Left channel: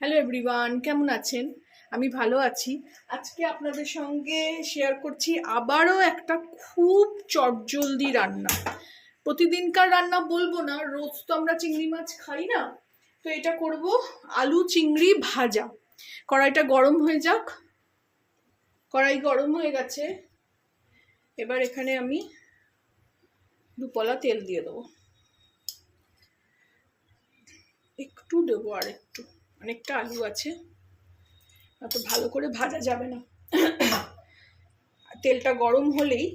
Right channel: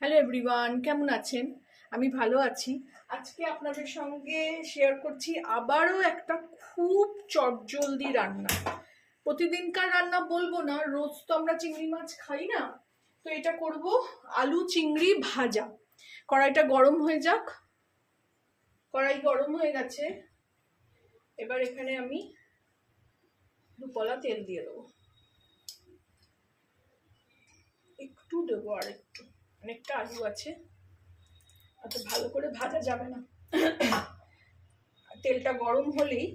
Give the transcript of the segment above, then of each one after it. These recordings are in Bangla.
হ্যালো এভরিওয়ান, কেমন আছেন? আমি ভালো আছি। আজকে আপনাদের সঙ্গে শেয়ার করছি আবারও একটা খুব চটজলদি রান্না। প্রতিদিনকার রান্না বলবো না, রোজ তো আমরা চিংড়ি মাছ খাই না, তো এটা করব আলু চিংড়ি ভাজা। কড়াইটা গরম হয়ে যাক। কড়াই গরম হয়ে গেছে, এবার এখানে আমি দুপলা তেল দিয়ে দেবো। একটু দেবো, আর একটু, অনেকটা আলু আছে, অত ভালো করে ভাজা যাবে না। তেলটা গরম হলেই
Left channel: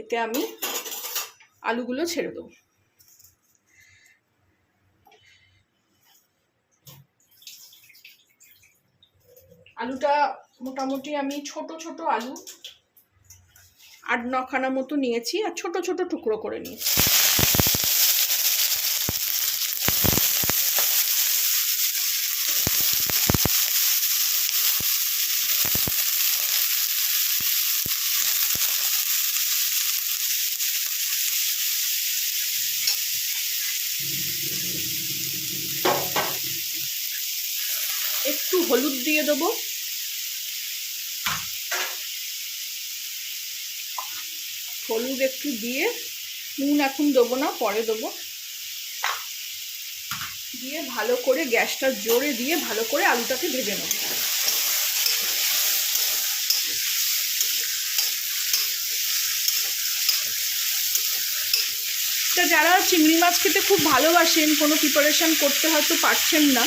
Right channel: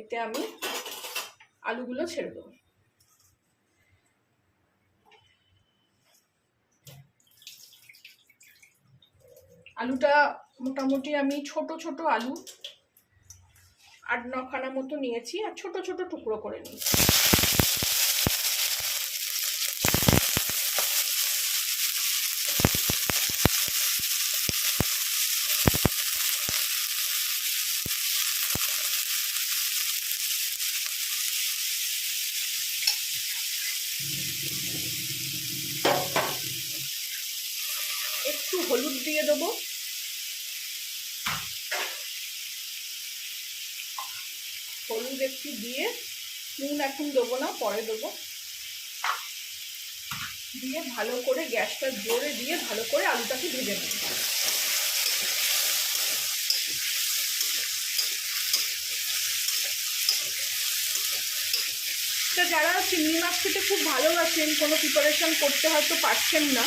এতে আমি আলুগুলো ছেড়ে দেবো। আলুটা মোটামুটি আমি ছোট ছোট আলু 8-9খানা মতো নিয়েছি, আর ছোট ছোট টুকরো করে নিয়েছি। একটু হলুদ দিয়ে দেবো, হলুদ একটু দিয়ে, নুন এখন দেবো না, পরে দেবো। দিয়ে ভালো করে গ্যাসটা জোরে দিয়ে ভালো করে আলুটাকে ভেজে নেব। যারা চিংড়ি মাছ খেতে খুব ভালোবাসেন, কোনো প্রিপারেশন করতে হয়তো পারছেন না,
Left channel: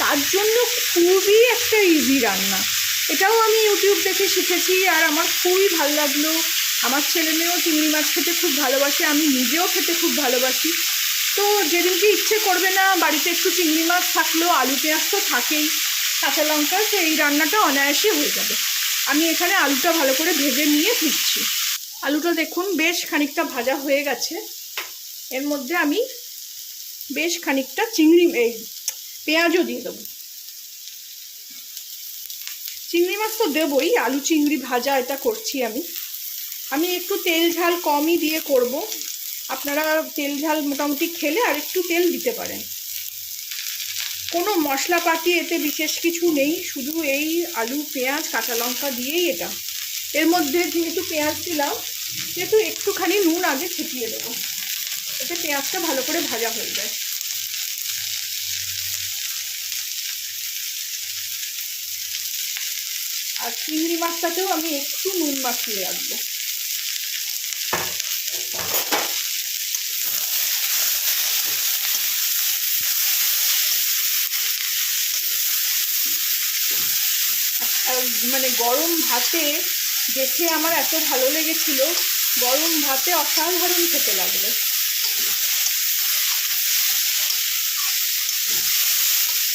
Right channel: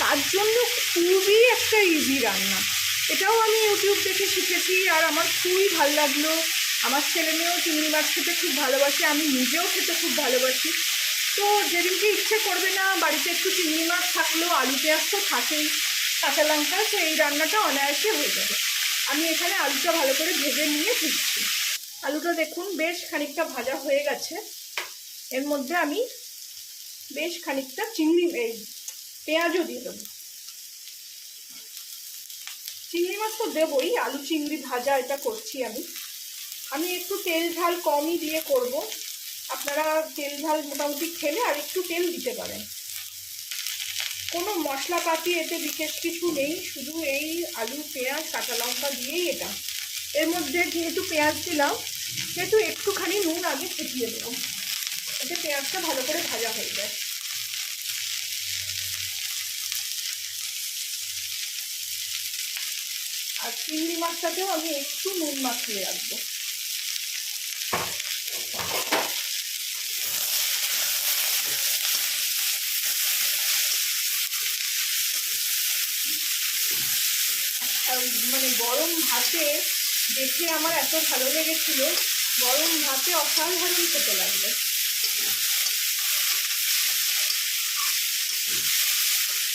তার জন্য খুবই একটা ইজি রান্না। এটাও আমি ইউটিউব দেখে শিখেছি, আর আমার খুবই ভালো লাগলো। আমার ছেলে মেয়েও চিংড়ি মাছ খেতে খুব ভালোবাসে, আমি নিজেও খেতে খুব ভালোবাসি। তো যেদিনকে ইচ্ছে করবে না, বাড়িতে একটু চিংড়ি মাছ থাকলো, আলু পেঁয়াজ তো থাকেই, কাঁচা লঙ্কা, তো এই রান্নাটা অনায়াসে হয়ে যাবে। আমি এখানে আলুটা ভালো করে ভেজে নিয়ে ফিরছি। আলুটা দেখুন বেশ খানিকটা ভাজা হয়ে গেছে। এর মধ্যে আমি বেশ খানিকটা পেঁয়াজও দিয়ে দেবো। চিংড়ি মাছ তো দেবই, আলু চিংড়ি ভাজা এটা করছি আমি একটু তেল ঝাল কমই দিয়ে করব। আপনারা তেল ঝাল মোটামুটি খেলে আর একটু তেল দিতে পারেন। কোনো মশলাপাতি এতে বিশেষ কিছু নেই, শুধু এই আলু পেঁয়াজ কাঁচা লঙ্কা দিয়েই এটা। এর মধ্যে যেহেতু পেঁয়াজ দিলাম, সেহেতু একটুখানি নুন আগে ছিটিয়ে দেবো, এতে পেঁয়াজটা ভালো করে ভাজা হয়ে যায়। আর চিংড়ি মাছটাকেও আমি একটু নুন মাখিয়ে রাখবো। মানে গরম ভাতে দেখে আমার এত ভালো লেগেছিল, গরম ভাতে অসাধারণ খেতে লাগলো।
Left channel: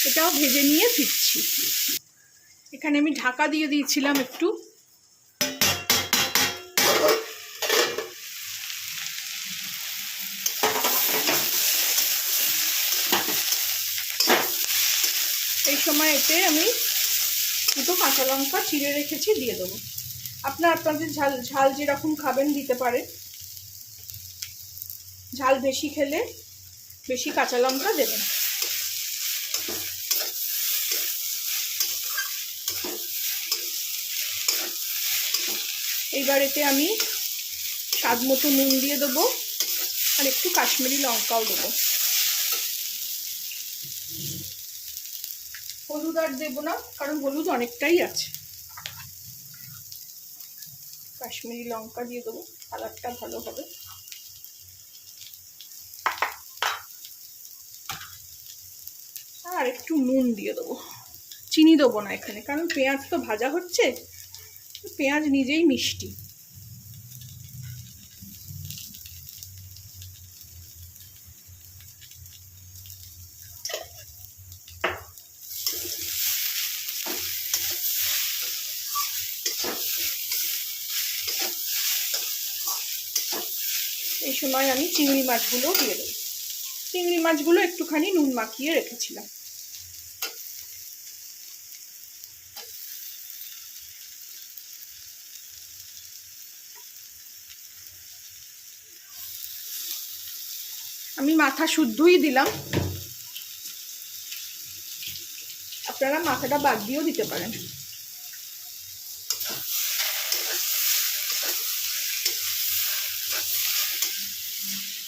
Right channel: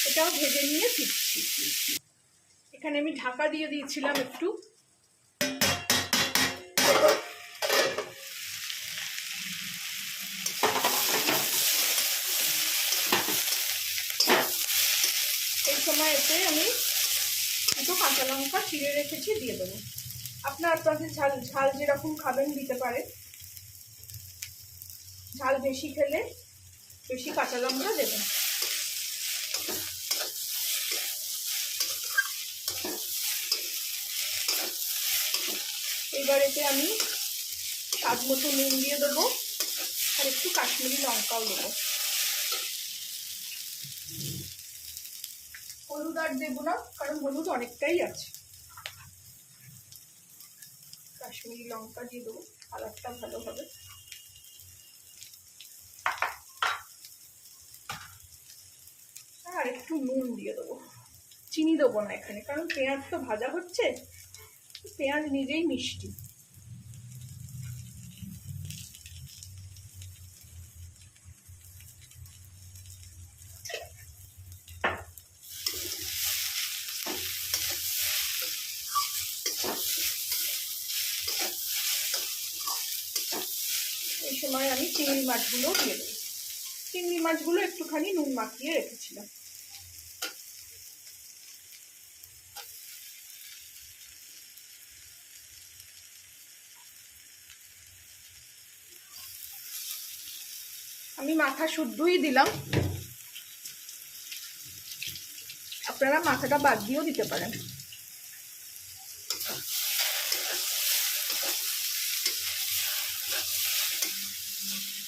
এটাও ভেজে নিয়ে ফিরছি। এখানে আমি ঢাকা দিয়ে দিয়েছিলাম একটু। এই সময় এতে আমি দুটো কাঁচা লঙ্কা চিড়ে রেখেছি দিয়ে দেবো। আপনাদের ঝাল যেরকম খাবেন দিতে পারে। ঝাল বেশি খেলে বেশি কাঁচা লঙ্কা দেবেন। এইবার এতে আমি স্বাদ মতো নুন দিয়ে দেবো, আর একটু কাশ্মীরি লঙ্কাও দেবো। হলুদ আর দেবো না, কারণ হলুদ অনেকটাই আছে। কাশ্মীরি লঙ্কা দিয়ে দেবো, কালারটা ভালো হবে। আর একটু নুন দিয়ে দেবো, চিনি দেবো না এখানে, কারণ পেঁয়াজ তো ভাজা হচ্ছে, পেঁয়াজ নিজেই মিষ্টি। এই সময় আমি চিংড়ি মাছগুলো দিয়ে দেবো। চিংড়ি মাছগুলো একটুখানি নুন মাখিয়ে রেখেছিলাম। আমি মাথা শুদ্ধই দিলাম, আপনারা মাথাটা বাদ দিয়েও দিতে পারেন।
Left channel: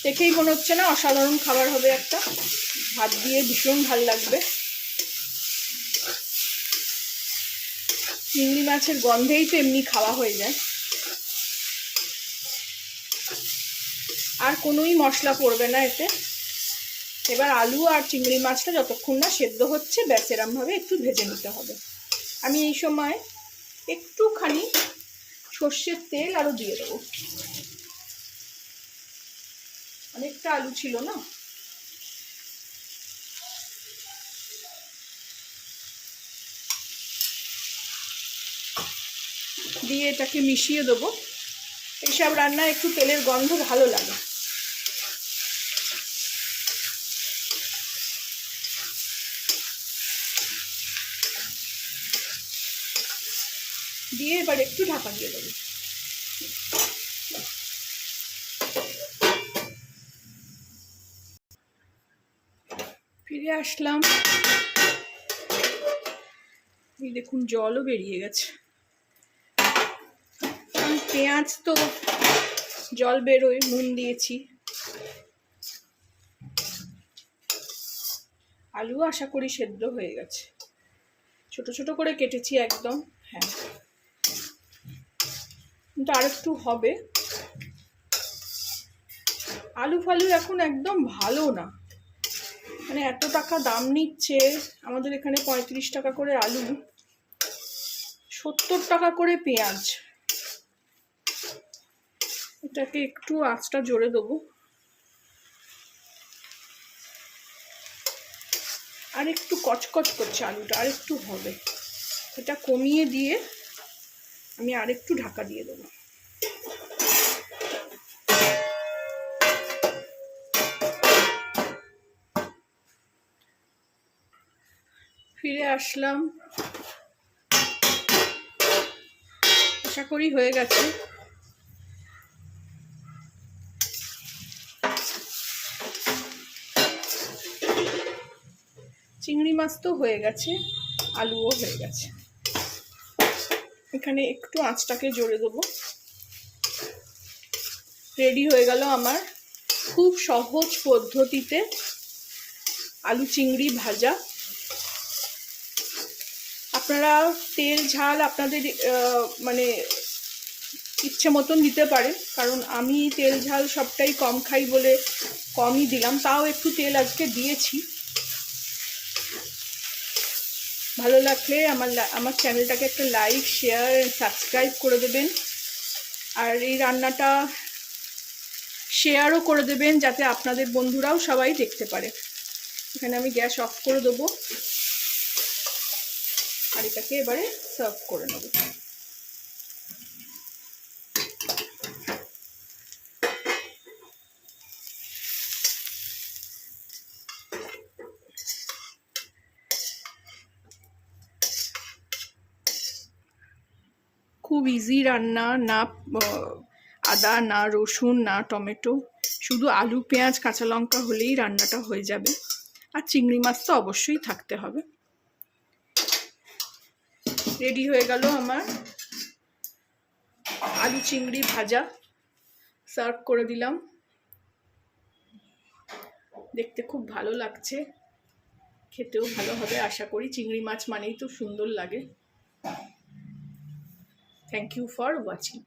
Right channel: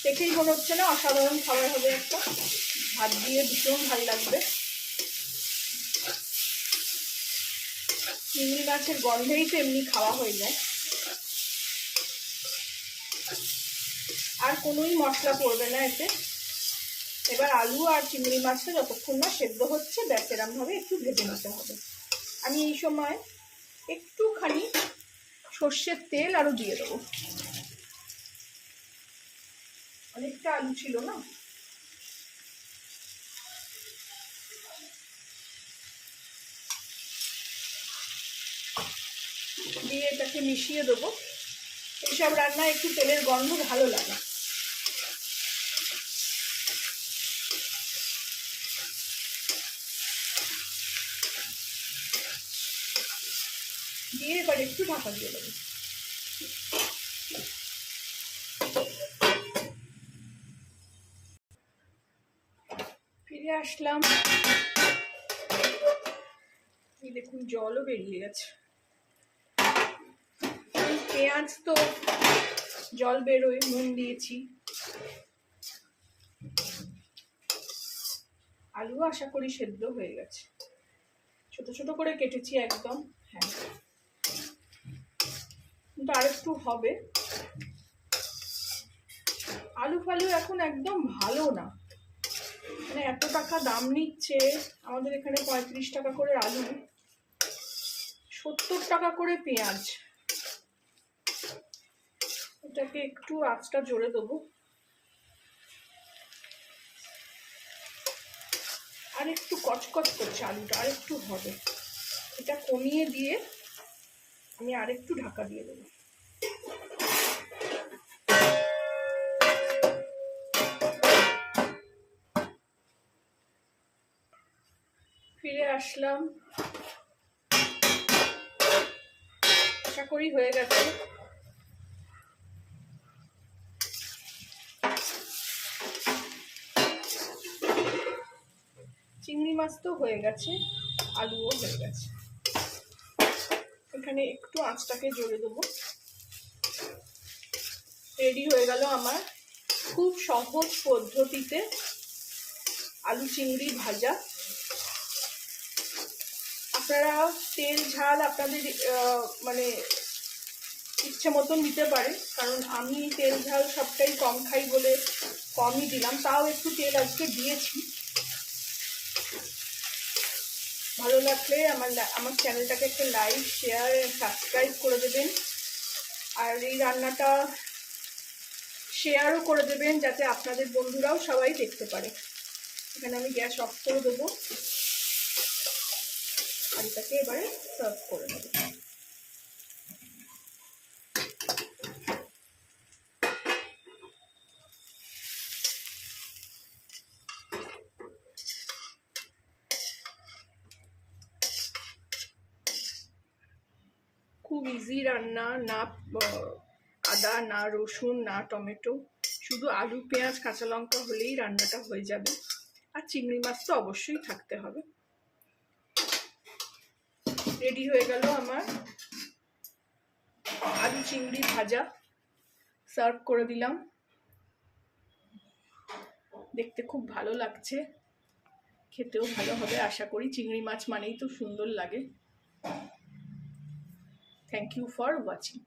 দেখেই মনে হচ্ছে না অসাধারণ খাবার হবে একটা, ভাত দিয়ে ভীষণ ভালো লাগবে। চিংড়ি মাছের গন্ধেই তো এমনি খাওয়া হয়ে যায়, আর কোনোই মশলা পড়বে না এতে। এবার আলু আর চিংড়ি মাছটা যতক্ষণ না সেদ্ধ হচ্ছে ব্যাস এরমভাবে একটু ভেজে নিতে হবে। আমি এই সময় একটুখানি সর্ষের তেল আরও দিয়ে দেবো, অনেকটা আলু ছিল না। দিয়ে এটাকে মিশিয়ে দেবো। এইসব রান্নায় একটু তেলের গন্ধ ভালো লাগে। দিয়ে এবার একটু ঢাকা দিয়ে দেবো। ফিরে আসলাম, এই দেখুন জলও বেরিয়ে গেছে। পেঁয়াজ তো জল বেরোয়, নুন দিয়েছি। আলু আশা করি সেদ্ধ হয়ে গেছে, ছোট ছোট করে কেটেছি একদম। হ্যাঁ, কিন্তু আর একটু হবে। আলু ফালু এখন একদম ভালো না, মানে এত টাকা দাম নিচ্ছে। আমাদের এখানে 35 টাকা করে আলু, 70 টাকা করে পেঁয়াজ। এটাকে একটু আঁচটা জোরে দেবো, আর একটু কচকচ করছে আলুটা, আর একটু হবে। এটা কমিয়ে দিয়ে আমি আরেকটু ঢাকা দিয়ে দেবো। ফিরে আসলাম, আশা করি হয়ে গেছে। চিংড়ি মাছ তো হয়ে গেছে, আলুও হয়ে গেছে। এখানে একটু আঁচটাকে জোরে দেবো। রেডি হয়ে গেল আমার খুব সহজ পদ্ধতিতে আলু চিংড়ি ভাজা। আপনারা তেল ঝাল আপনাদের মানে ইচ্ছে মতন দিতে পারেন, কারণ আমি তেল ঝাল সবটাই কম খাই বলে কমই দিলাম, তাও একটু তেল আজকে দিয়েছি। ভালো লাগলে আমার চ্যানেলটাকে একটা লাইক, শেয়ার, সাবস্ক্রাইব করে দেবেন। আর এই রান্নাটা শেয়ারও করে দেবেন যাতে আপনাদের বন্ধুরাও সবাই দেখতে পারে। এখানে আমি গ্যাস অফ করে দেবো, আর এটাকে এবারে সার্ভ করে নেব। খুব ইজি রান্না, না আদা, না রসুন, না টমেটো, শুধু আলু, পেঁয়াজ, কাঁচা লঙ্কা হলেই রান্নাটা হয়ে যাবে। আর চিংড়ি মাছ তো অবশ্যই থাকতে হবে। রেডি হয়ে গেল আমার আলু চিংড়ি ভাজা, সার্ভ করে দিলাম। দেখতে খুব ভালো লাগছে, খেতেও ভালো হবে আশা করি। চিংড়ি মাছ মানেই তো সুন্দর লাগে। Thank you for watching.